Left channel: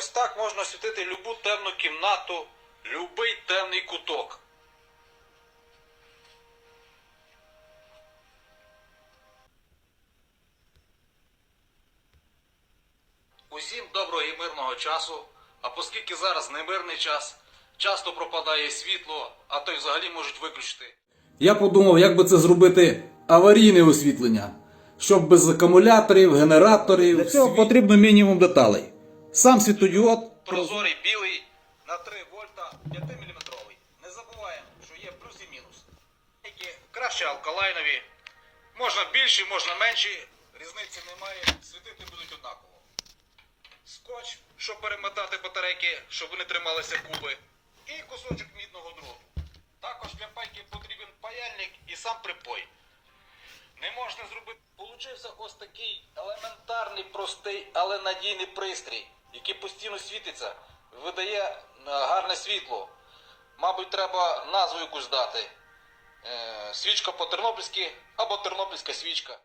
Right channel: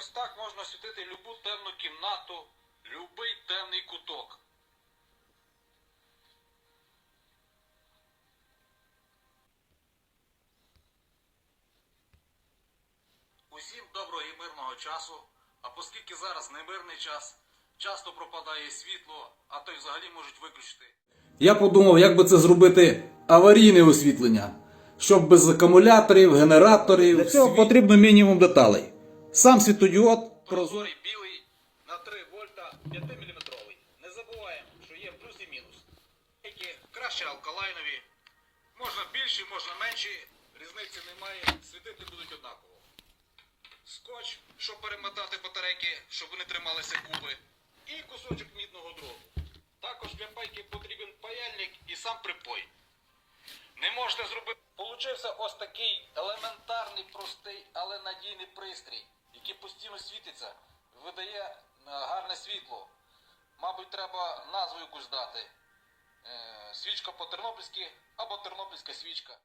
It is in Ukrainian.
Ось так можна освітити любу темну кімнату, любий темний куток. Усім доброго і мирного часу. А оскільки зараз не мирний час, часто пропадає світло, а то й взагалі можуть виключити. Я подумав, як би це зробити аварійне освітлення, щоб без акумуляторів, генераторів. Для цього потрібно мінімум деталей. Сам світодіод Прозорий білий на 3 вольта 5 мм. Не забуваємо, що є плюс і мінус. Які краще алкалайнові. Можна більші, можна менші. Різниці немає, світити будуть однаково. Скотч, щоб перемотати батарейки, щоб вони трималися куби. І кусочок мідного дроту. Також для пайки потрібен паяльник і сам припой. Не можна зробити. Получився ось такий елементарний, простий, але надійний пристрій, який постійно світиться, видає е, гарне світло. Мабуть, треба назву якусь дати. Е, свічка по-тернопільськи або тернопільська свічка.